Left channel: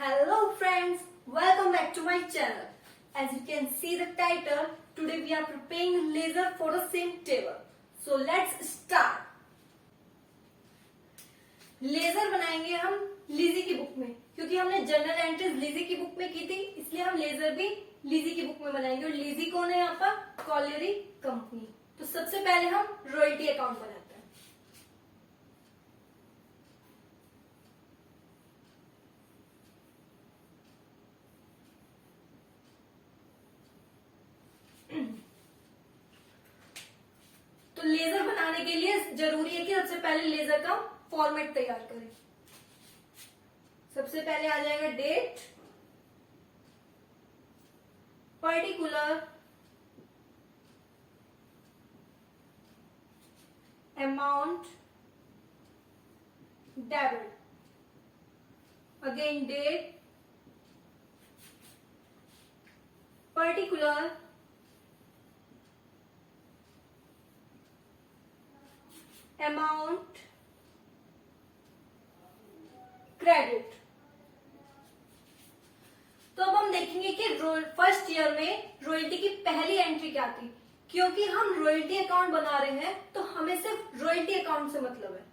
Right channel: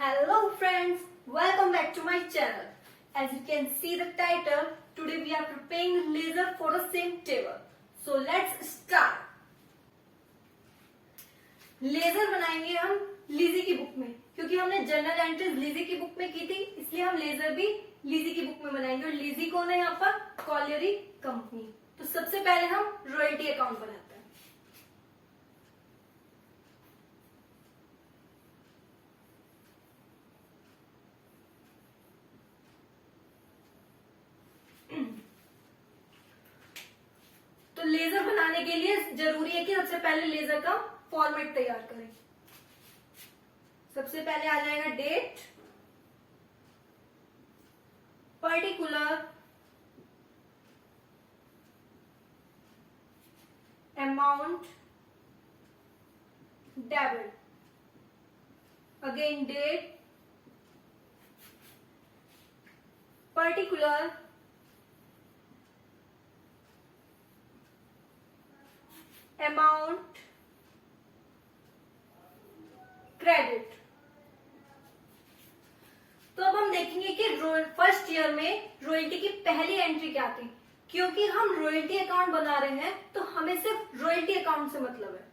Hello friends, welcome back to my channel. As you can see the title, today we are preparing laser for a same table. So let's start. Ledger बनाएंगे हम लीजी की book में, क्योंकि हमने general entries लीजी की book में की थी, इसलिए हम लेजर भी लीजी की बुक में बनाएंगे। और लीजी कौन है यहाँ पर? कॉलियरी कंपनी। तो सबसे पहले हम रॉयल्टी अकाउंट बनाते हैं। तो लेजर बनाने के लिए जरूरी है कि सबसे पहले लेजर का फॉर्मेट तैयार करें। सबसे पहले आ जाएगा date, particular, amount, debit, again date, particular, amount, credit. तो अब हम देखेंगे कि फर्स्ट ईयर में रॉयल्टी की पहली एंट्री क्या थी। क्योंकि हम रॉयल्टी अकाउंट बना रहे हैं तो हमें सिर्फ रॉयल्टी अकाउंट से मतलब है,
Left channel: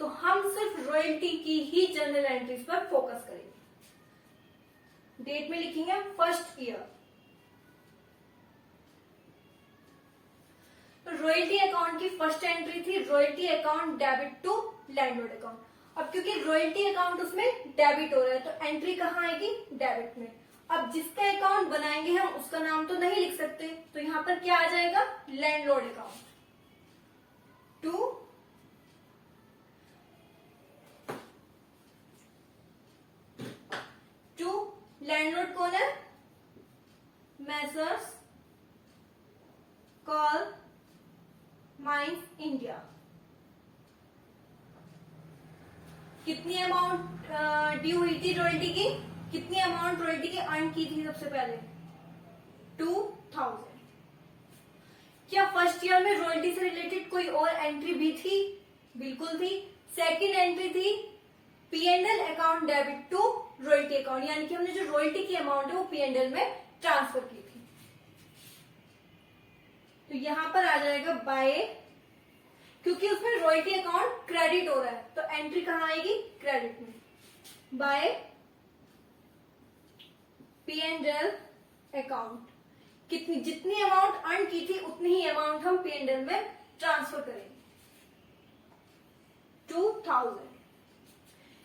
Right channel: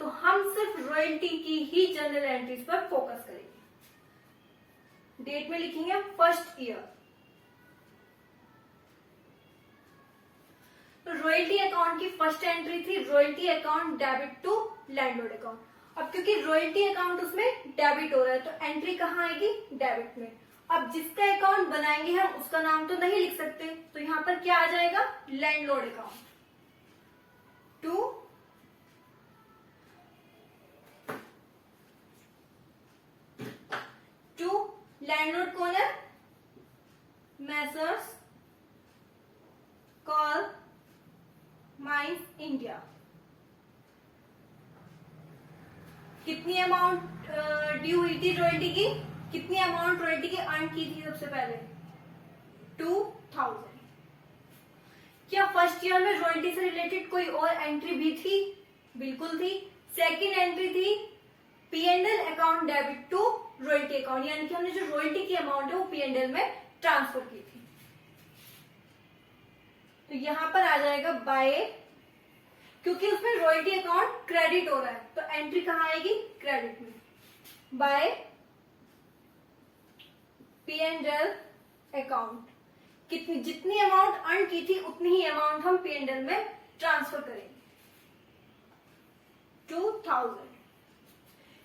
तो हम सिर्फ रॉयल्टी की ही जनरल एंट्रीज पर फोकस करेंगे। डेट में लिखेंगे फर्स्ट ईयर। रॉयल्टी अकाउंट की फर्स्ट एंट्री थी royalty account debit to landlord account. अब क्योंकि रॉयल्टी अकाउंट उसमें डेबिट हो रहा है तो एंट्री कहाँ आएगी? डेबिट में। अब जिसका अकाउंट बनाएंगे हम उसका नाम तो नहीं लिख सकते, तो यहां पर क्या आ जाएगा? लैंडलॉर्ड अकाउंट टू लैंडलॉर्ड कौन है? Messrs coal mines India. कितनी अमाउंट ड्यू हुई थी रॉयल्टी की? कितनी अमाउंट रॉयल्टी की अर्न की थी? सबसे पहले 2000। क्या फर्स्ट ईयर में रॉयल्टी से रिलेटेड कोई और एंट्री भी थी? बिल्कुल थी। सेकंड एंट्री थी P&L account debit to royalty account, यानी कि हमने जो रॉयल्टी की अमाउंट है वो P&L में ट्रांसफर की थी। तो यहां पर आ जाएगा बाय, क्योंकि उसमें रॉयल्टी अकाउंट क्रेडिट हो रहा है तो एंट्री कहां आएगी? क्रेडिट में। बाय P&L अकाउंट, कितनी जितनी अमाउंट अर्न की थी उतनी ही अमाउंट हम P&L में ट्रांसफर करेंगे 2000।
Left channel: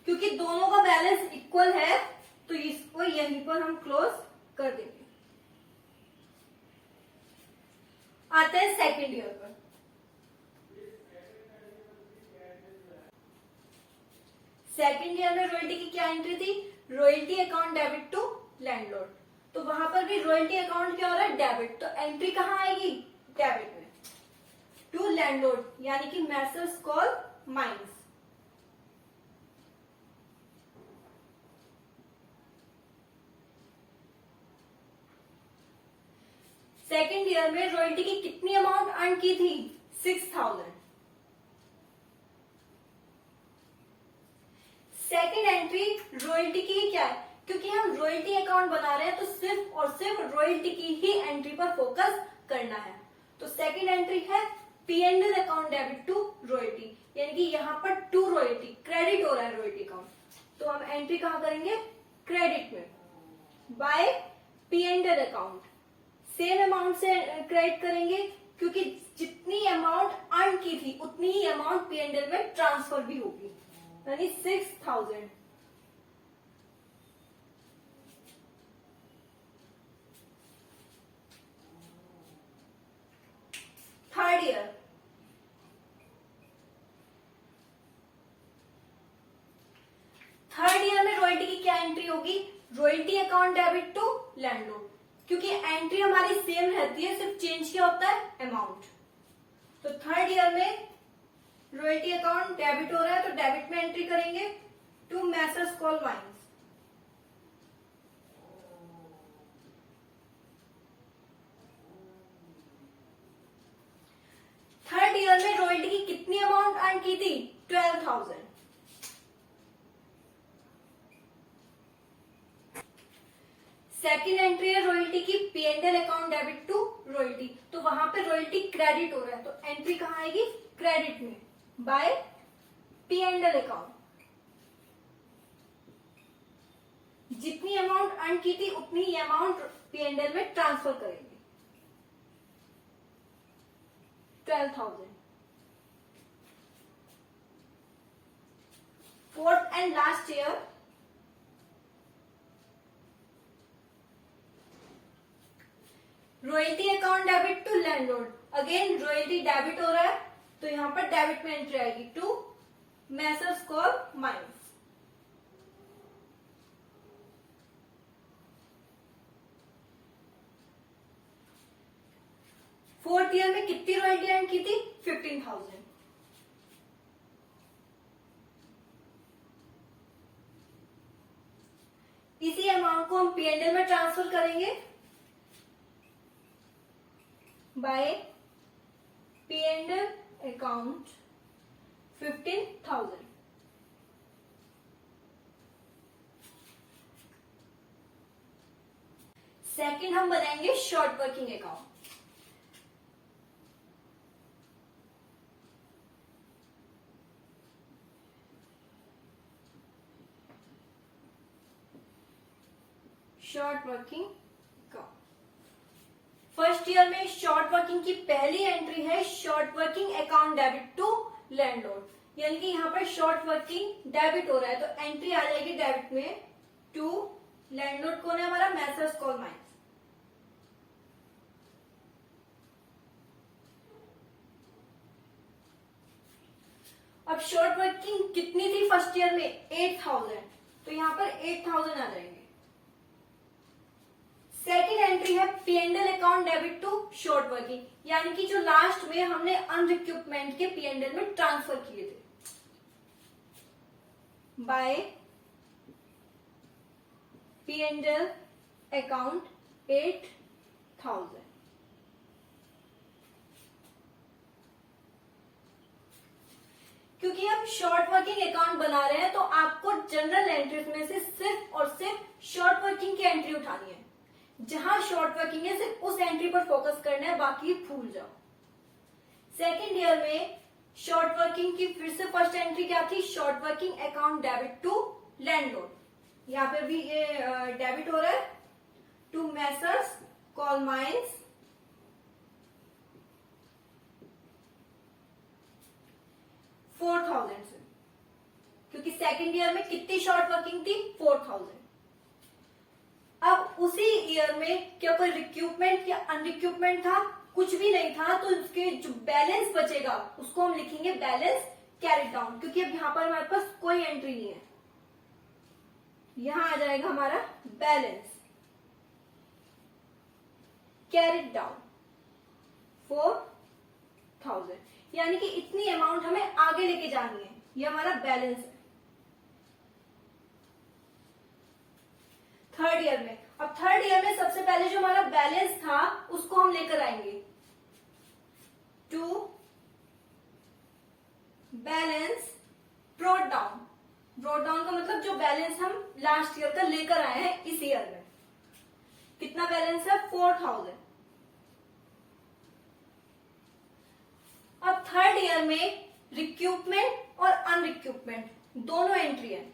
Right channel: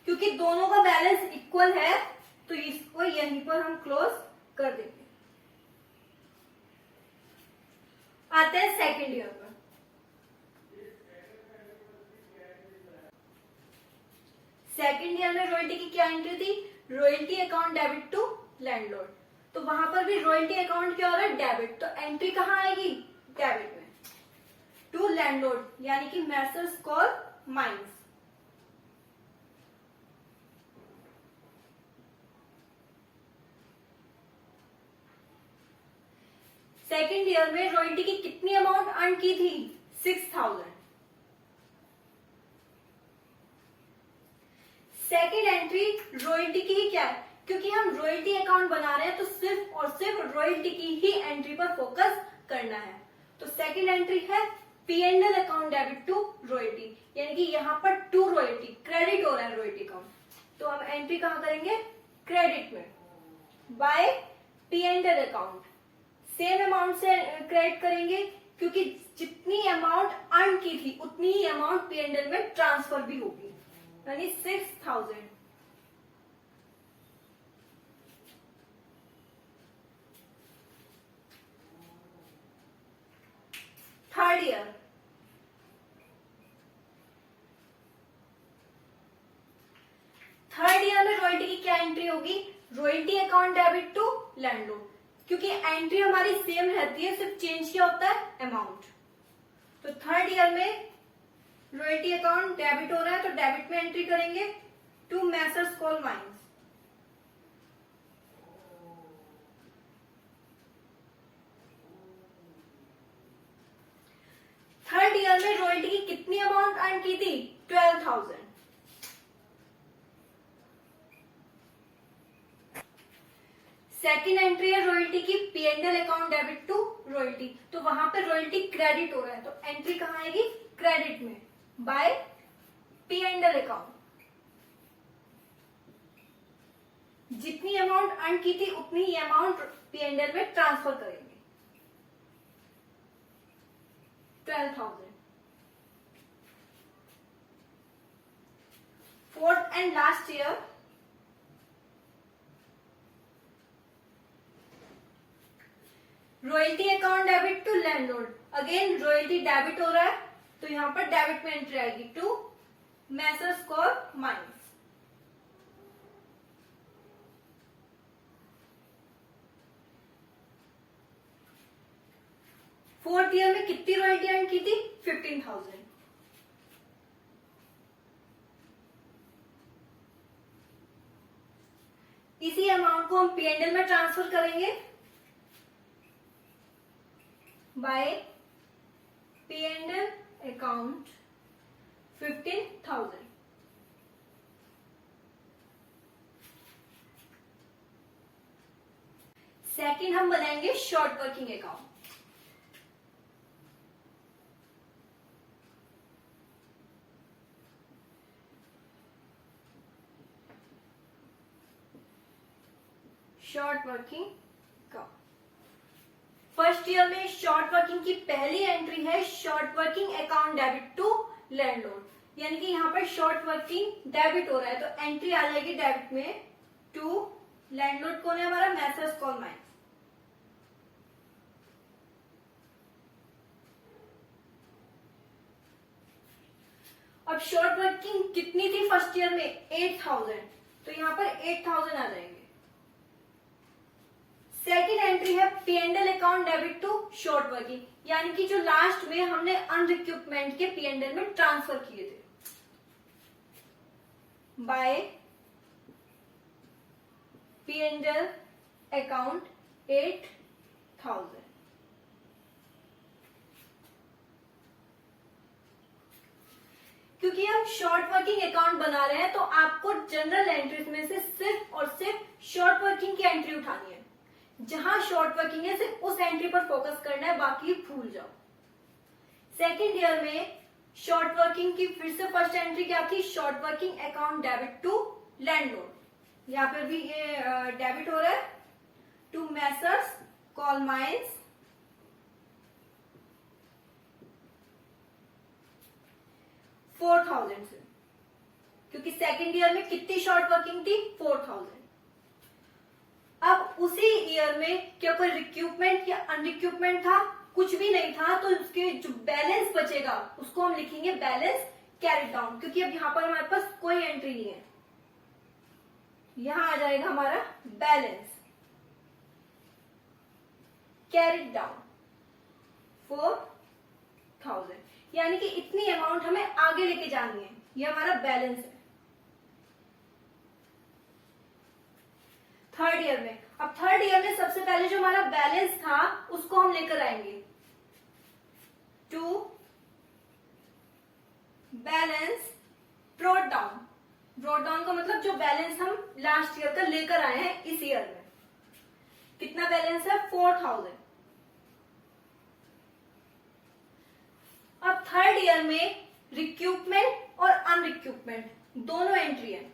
क्योंकि दोनों का बैलेंस इक्वल है तो इसको यहीं पर हम क्लोज कर देंगे। आते हैं सेकेंड ईयर पर। सेकेंड ईयर में रॉयल्टी की क्या एंट्री थी? Royalty account debit to landlord. तो वहां पर भी रॉयल्टी अकाउंट क्या हो रहा है? डेबिट। तो एंट्री कहां आएगी? डेबिट में टू लैंडलॉर्ड, यानी कि Messrs coal mines. Second year में रॉयल्टी की कितनी अमाउंट अर्न की थी? 6000। सेकेंड एंट्री रॉयल्टी की क्या है? क्योंकि हम रॉयल्टी अकाउंट बना रहे हैं तो सिर्फ और सिर्फ रॉयल्टी की ही एंट्री पर फोकस करना है। तो सेकेंड एंट्री है P&L account debit to royalty, यानी कि यहाँ पर टू रॉयल्टी क्रेडिट हो रहा है रॉयल्टी अकाउंट, तो हम एंट्री कहां करेंगे? क्रेडिट में। By P&L account same amount से क्रेडिट करेंगे, क्योंकि जितनी अमाउंट अर्न की थी उतनी ही अमाउंट P&L में ट्रांसफर भी होगी, यानी 6000। Third year. थर्ड ईयर में रॉयल्टी की क्या एंट्री होगी? Royalty account debit to landlord, क्योंकि एंट्री हमारी सेम रहती है, सिर्फ चेंज क्या होता है? अमाउंट। तो थर्ड ईयर में रॉयल्टी अकाउंट डेबिट हो रहा है तो डेबिट में एंट्री करेंगे to messrs coal mines. Third year में रॉयल्टी की कितनी अमाउंट अर्न की थी? 12000। सेकेंड एंट्री है रॉयल्टी की P and L account debit to royalty, तो वहां पे रॉयल्टी क्रेडिट हो रहा है, तो एंट्री कहाँ आएगी? क्रेडिट में by P and L account. जितनी अमाउंट अर्न की थी उतनी ही अमाउंट पी एंड एल में ट्रांसफर करेंगे, 12,000। Fourth and last year, royalty account debit to landlord, again royalty debit हो रहा है, तो यहां पर डेबिट में एंट्री आएगी to messrs coal mines. Fourth year में कितनी रॉयल्टी अर्न की थी? 15,000। इसी अमाउंट को हम पी एंड एल में ट्रांसफर करेंगे by P and L account 15,000। Second हम बनाएंगे short working account. Short working account, first year में शॉर्ट वर्किंग की पहली एंट्री है short working account debit to landlord, यानी कि यहाँ पर शॉर्ट वर्किंग डेबिट हो रहा है, तो एंट्री आ जाएगी डेबिट में टू लैंडलॉर्ड। कौन है हमारा? Messrs coal mines. अब शॉर्ट वर्किंग कितनी थी फर्स्ट ईयर में? 8,000, तो यहाँ पर 8,000 आ जाएंगे। सेकेंड एंट्री है P and L account debit to short working, यानी कि जो लास्ट में हमने अनरिक्रूटमेंट के पी एंड एल में ट्रांसफर किए थे, by P and L account 8,000। क्योंकि हम शॉर्ट वर्किंग अकाउंट बना रहे हैं, तो आपको जनरल एंट्रीज में से सिर्फ और सिर्फ शॉर्ट वर्किंग की एंट्री उठानी है। जहां शॉर्ट वर्किंग है सिर्फ उस एंट्री पर फोकस करना है, बाकी भूल जाओ। सेकेंड ईयर में शॉर्ट वर्किंग की फिर से फर्स्ट एंट्री क्या थी? Short working account debit to landlord, यहां पर भी ये डेबिट हो रहा है टू मैसर्स कॉल माइंस 4,000 से, क्योंकि सेकेंड ईयर में कितनी शॉर्ट वर्किंग थी? 4,000। अब उसी ईयर में क्या कोई रिक्रूटमेंट या अनरिक्रूटमेंट था? कुछ भी नहीं था, तो उसके जो बैलेंस बचेगा उसको हम लिखेंगे बैलेंस कैरिड डाउन, क्योंकि अब यहां पर हमारे पास कोई एंट्री नहीं है। यहां आ जाएगा हमारा बैलेंस कैरिड डाउन 4,000, यानी कि इतनी अमाउंट हमें आगे लेके जानी है, ये हमारा बैलेंस है। थर्ड ईयर में, अब थर्ड ईयर में सबसे पहले जो हमारा बैलेंस था उसको हम लेकर आएंगे to balance brought down. Brought down का मतलब जो बैलेंस हम लास्ट ईयर का लेकर आए हैं इस ईयर में। कितना बैलेंस है? 4,000। अब थर्ड ईयर में रिक्रूटमेंट और अनरिक्रूटमेंट दोनों एंट्री है,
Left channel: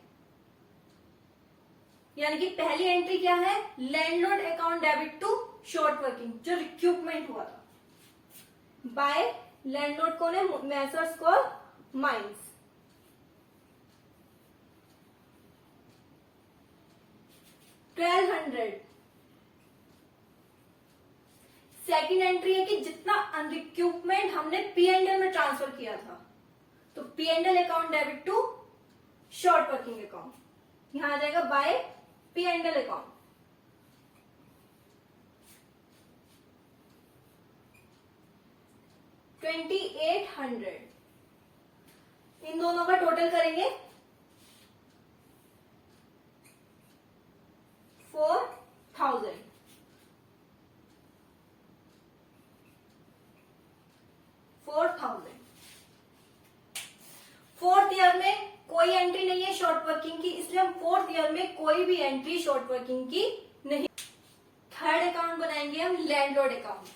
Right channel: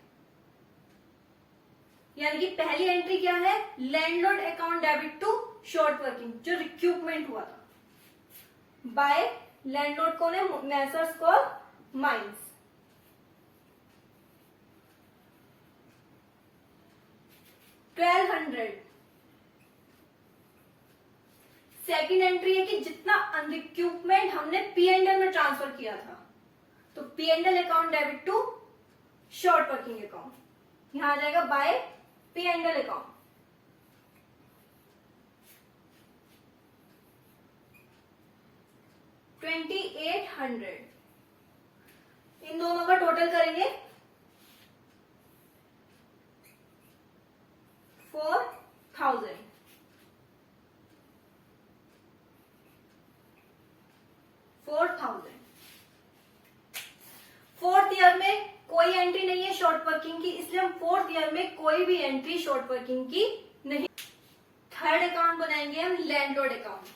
यानी कि पहली एंट्री क्या है? Landlord account debit to short working, जो रिक्रूटमेंट हुआ था बाय लैंडलॉर्ड। कौन है? Messrs coal mines. $1,200। Second entry है कि जितना अनरिक्रूटमेंट हमने पी एंड एल में ट्रांसफर किया था, तो P and L account debit to short working account, यहां आ जाएगा by P and L account. $2,800, इन दोनों का टोटल करेंगे 4,000। फोर्थ ईयर में कोई एंट्री नहीं है शॉर्ट वर्किंग की, इसलिए हम फोर्थ ईयर में कोई भी एंट्री शॉर्ट वर्किंग की नहीं। थर्ड अकाउंट बनाएंगे हम लैंडलॉर्ड अकाउंट।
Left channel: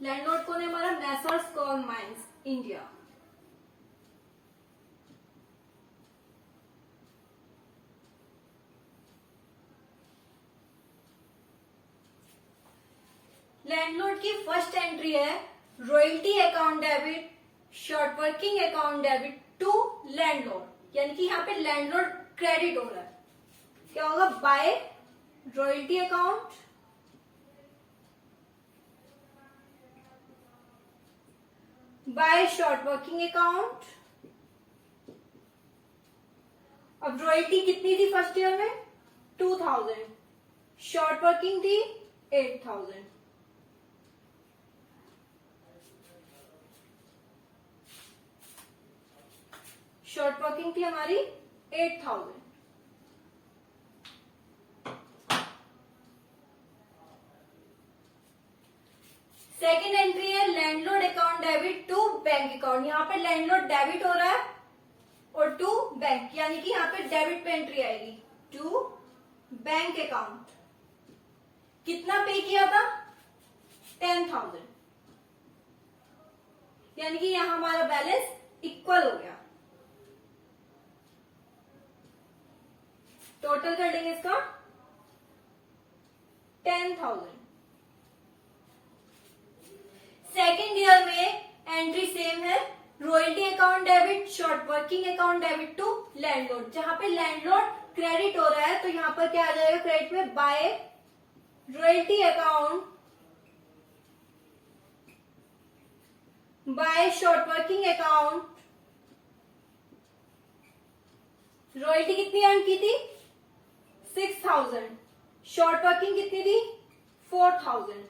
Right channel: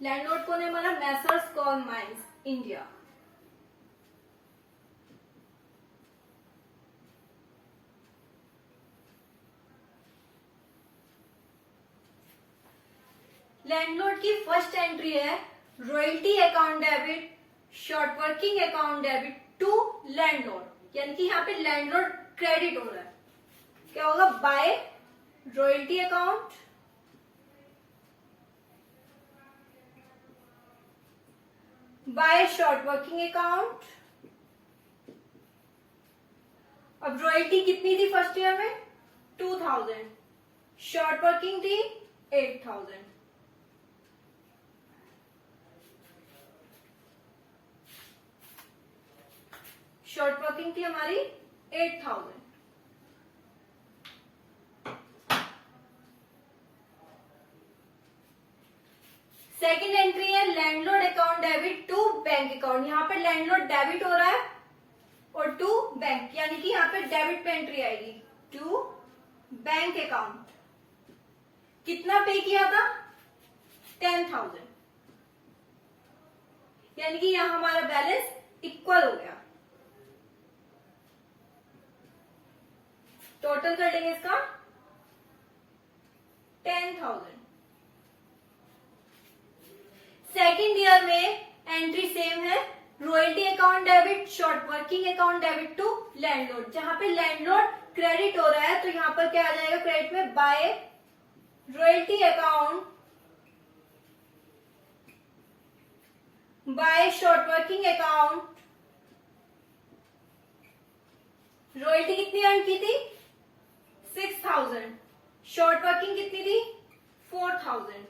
लैंडलॉर्ड कौन है हमारा? Messrs coal mines India. Landlord की फर्स्ट एंट्री है royalty account debit, short working account debit to landlord, यानी कि यहाँ पे लैंडलॉर्ड क्रेडिट हो रहा है। क्या होगा? By royalty account, by short working account. अब रॉयल्टी कितनी थी फर्स्ट ईयर में? 2000, शॉर्ट वर्किंग थी 8000। शॉर्ट वर्किंग थी हमारी 8000। सेकेंड एंट्री है landlord account debit to bank account. यहाँ पे लैंडलॉर्ड डेबिट हो रहा है और टू बैंक, यानी कि यहाँ पे डेबिट पे एंट्री आएगी टू बैंक अकाउंट। कितना पे किया था? 10,000, यानी कि यहाँ हमारा बैलेंस इक्वल हो गया। टोटल कर लेंगे इसका 10,000। सेकेंड ईयर में एंट्री सेम है, royalty account debit, short working account debit to landlord. जहां पे लैंडलॉर्ड क्रेडिट हो रहा है तो यहां पर क्या आ जाएगा क्रेडिट में? By royalty account, by short working account. Royalty कितनी अर्न की थी? 6,000, शॉर्ट वर्किंग कितनी थी? 4,000।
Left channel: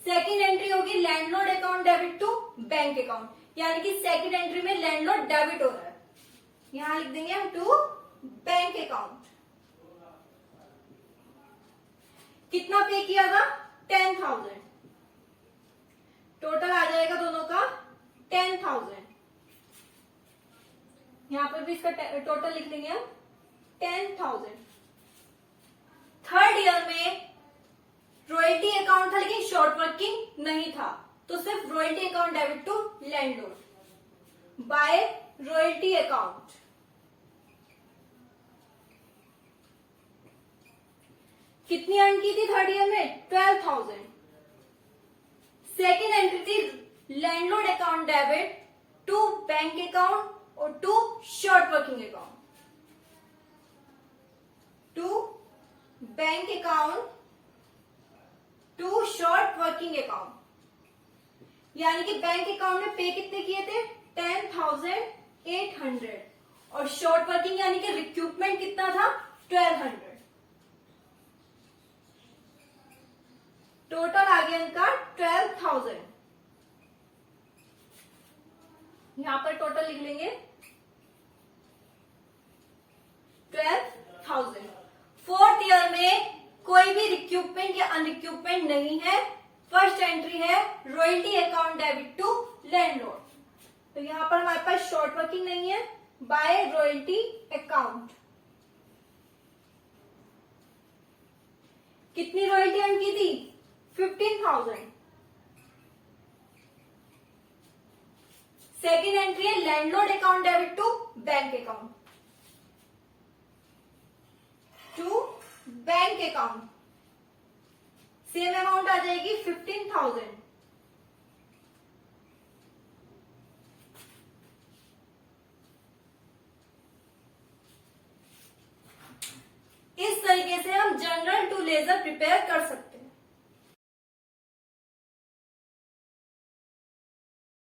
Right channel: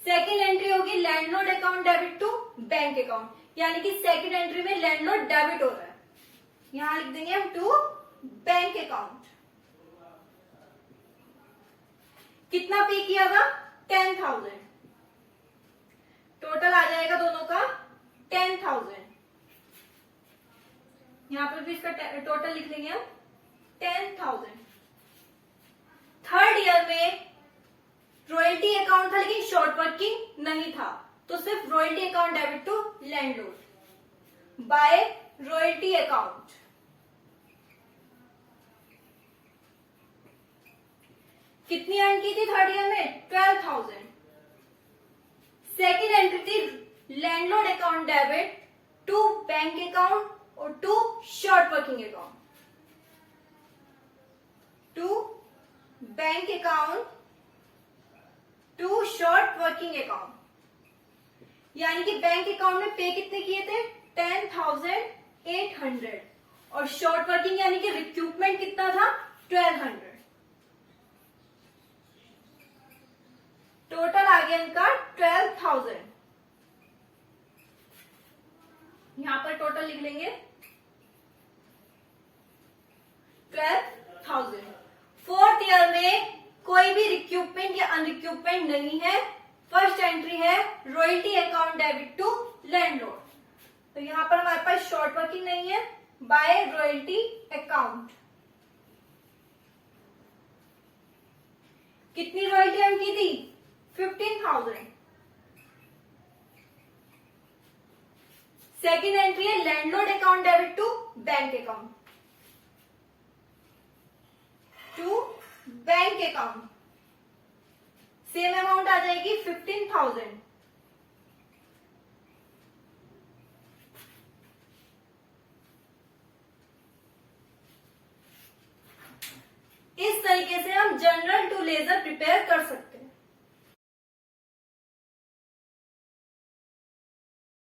सेकेंड एंट्री होगी landlord account debit to bank account, यानी कि सेकेंड एंट्री में लैंडलॉर्ड डेबिट हो रहा है, यहां लिख देंगे हम टू बैंक अकाउंट। कितना पे किया था? 10,000। टोटल आ जाएगा दोनों का 10,000। यहां पर भी इसका टोटल लिख देंगे हम 10,000। थर्ड ईयर में रॉयल्टी अकाउंट था लेकिन शॉर्ट वर्किंग नहीं था, तो सिर्फ royalty account debit to landlord by royalty account. कितनी अर्न की थी थर्ड ईयर में? 12,000। सेकेंड एंट्री थी landlord account debit to bank account और to short working account, to bank account to short working account, यानी कि बैंक अकाउंट में पे कितने किए थे? 10,800 और शॉर्ट वर्किंग यानी कि रिक्रूटमेंट कितना था? 1,200। टोटल आ गया इनका 12,000। यहां पर टोटल लिख लेंगे 12,000। फोर्थ ईयर में कोई भी रिक्रूटमेंट या अनरिक्रूटमेंट नहीं है। फर्स्ट एंट्री है royalty account debit to landlord, तो यहां पर हमारे पास शॉर्ट वर्किंग नहीं है, बाय रॉयल्टी अकाउंट। कितनी रॉयल्टी अर्न की थी? 15,000। सेकेंड एंट्री है landlord account debit to bank account, to bank account. Same amount आ जाएगी 15,000। इस तरीके से हम जनरल टू लेजर प्रिपेयर कर सकते हैं।